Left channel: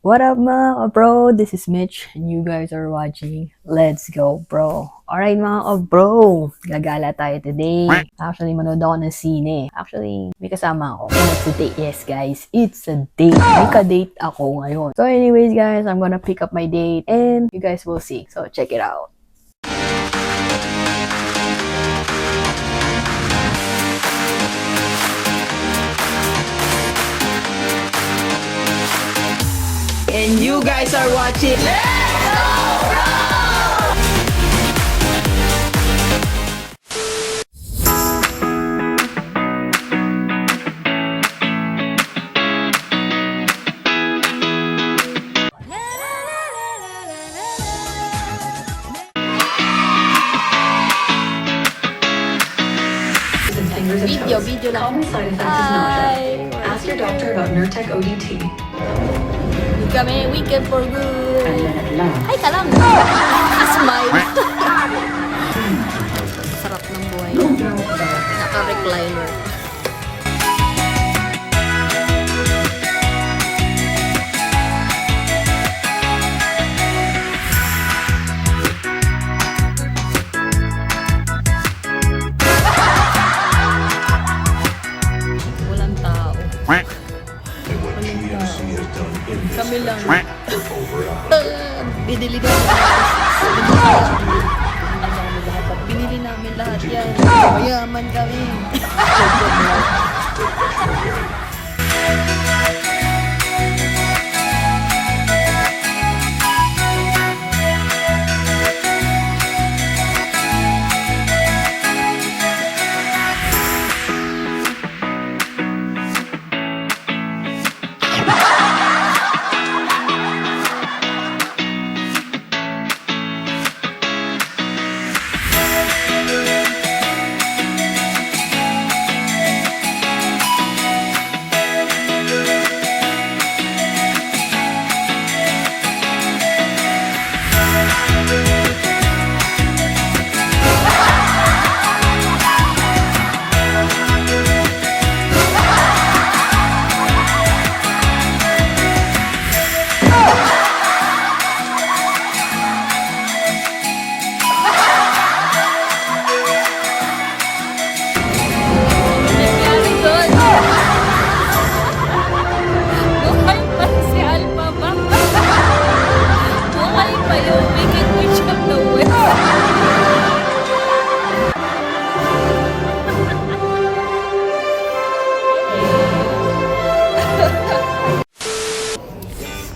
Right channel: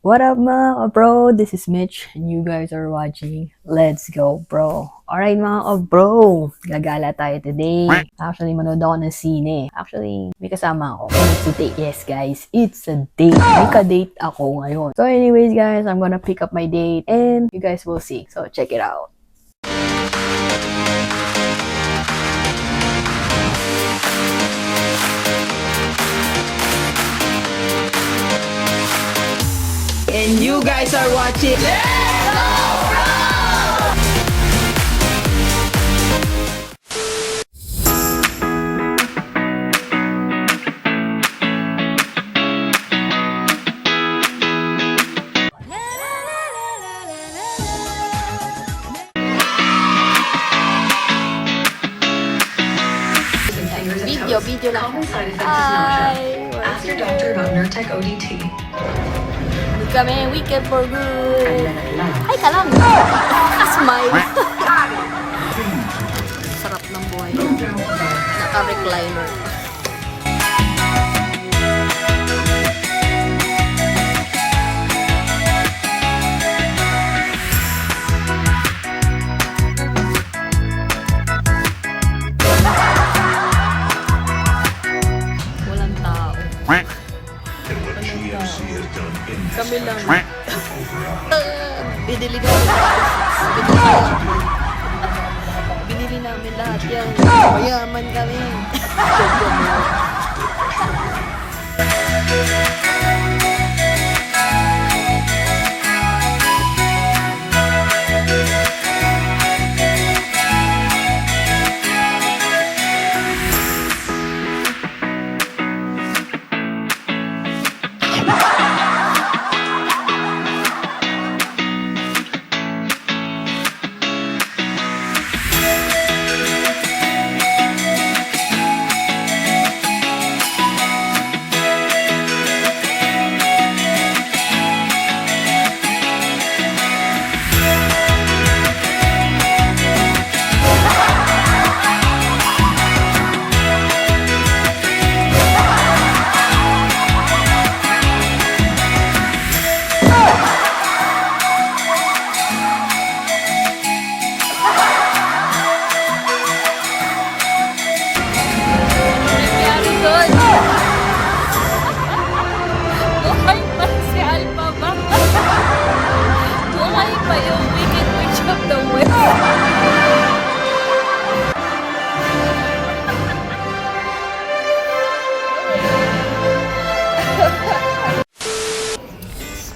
What up mga bro? This is Mitch and you guys are watching Let's Go Bro. Alright mga bro, gagala tayo today. Actually, manood ako ng sine. Actually, may kasama ako. And it's a date. Yes guys, it's a date. May ka-date ako ngayon. So anyways guys, I'm gonna pick up my date and you guys will see. So check it out. And you guys are watching. Video lang. Hi! Doctor about Nurtec ODT. Good kami, weekend for good. Hi ka lang. Smile. Sarap ng buhay na. Naka-recliner. Walang tao. Walang tao. Kami lang. Binili namin lahat. Binili namin lahat yan. Mayaman kami.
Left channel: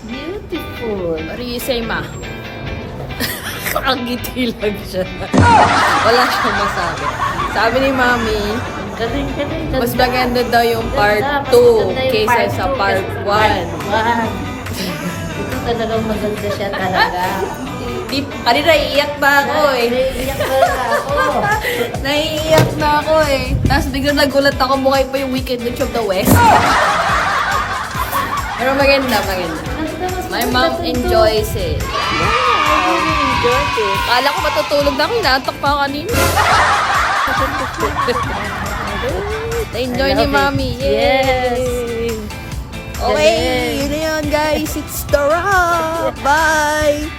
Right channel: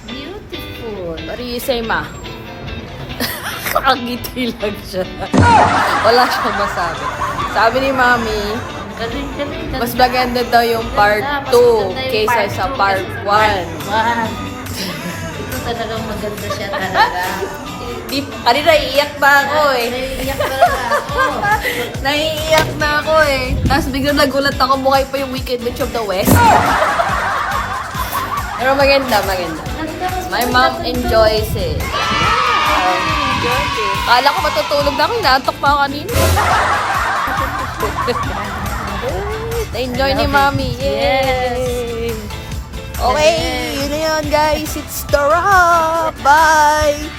Beautiful. Marisay ma. Kakangiti lang siya. Wala siyang masabi. Sabi ni Mami, Galing. mas maganda daw yung part 2 kaysa sa part 1. Ito talagang maganda siya talaga. Kanina iiyak na ako eh. Iyak talaga ako. Naiiyak na ako eh. Tapos biglang nagulat ako, mukha pa yung Wicked Witch of the West. Pero maganda. My mom enjoys it. Kala ko matutulog na ako, inaantok pa ako kanina. Na-enjoy ni Mami. Yes! Okay, yun na yun guys. It's the wrap. Bye!